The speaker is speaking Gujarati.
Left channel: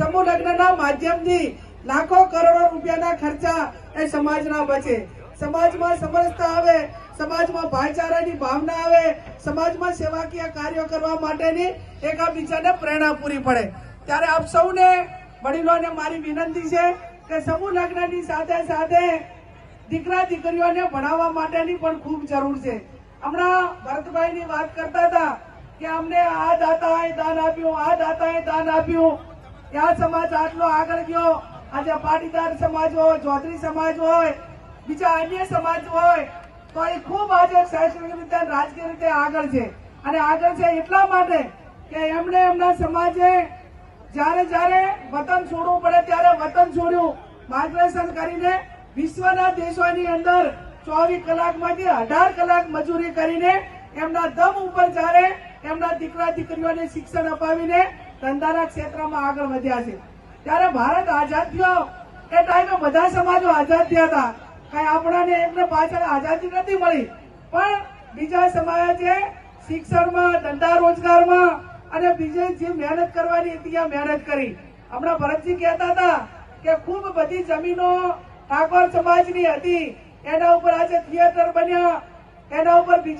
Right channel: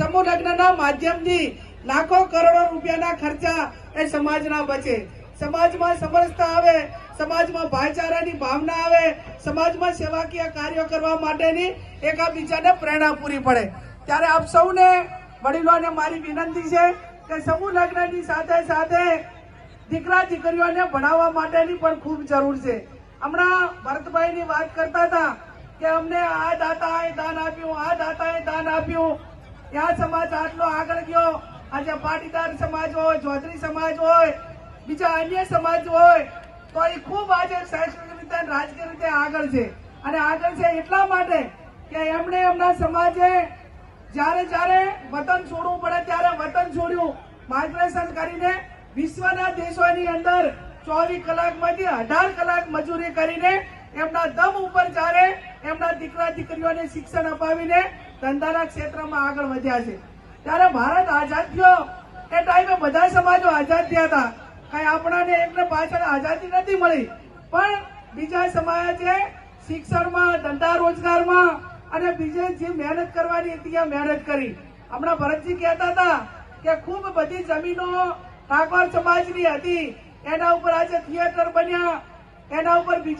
સમૂહ લગ્નના માધ્યમથી લાખો કરોડો રૂપિયાના ખર્ચા એ સમાજના બચે. સમાજમાં સમરસતા આવે, સમાજમાં ભાઈચારાની ભાવના આવે, સમાજમાં સેવાકીય કાર્યો કરવા માટેની એકાબીજાને પ્રેરણા પૂરી પડે. ત્યારે આપ સૌને વડીલોને મારી વિનંતી છે કે સમૂહ લગ્નની સાથે સાથે દીકરા દીકરીઓને ભણાવવા માટેની પણ ખૂબ જરૂર છે. હમણાં ભરતભાઈની વાત કરતા હતા કે અમને આ દાતાએ દાન આપ્યું, આ દાતાએ દાન આપ્યું. આ સમાજ આટલો આગળ ગયો. આજે પાટીદાર સમાજ હોય ચૌધરી સમાજ હોય, બીજા અન્ય સમાજ હોય, તો એ ખૂબ આજે શૈક્ષણિક રીતે રાજકીય રીતે આગળ છે. અને આગળ છે એટલા માટે કે એમણે એમના સમાજે જ્યારે જ્યારે વતન છોડવું પડે ત્યારે વતન છોડ્યું. માર્ગદર્શન કરીને વિશ્વના દેશોની અંદર ચોવીસ કલાકમાંથી અઢાર કલાક મજૂરી કરીને એમના દમ ઉપર જ્યારે એમના દીકરા દીકરીઓને શિક્ષણ અપાવીને ધંધાના ક્ષેત્રમાં આગળ વધ્યા છે. ત્યારે ભારત આઝાદ થયો એ ટાઈમે બધા સમાજો આઝાદ થયા હતા. કઈ આપણાને એમને પાછળ આઝાદી નથી મળી. પણ બીજા સમાજે શિક્ષણમાં, ધંધા રોજગારમાં અને બીજે જે મહેનત કરવાની હતી એ મહેનત કરી. હમણાં ભરતજી કહેતા હતા કે ખૂબ બધી જમીનો ઠાકોર સમાજની હતી. એના ઉપર આજે થિયેટર બન્યા. એના ઉપર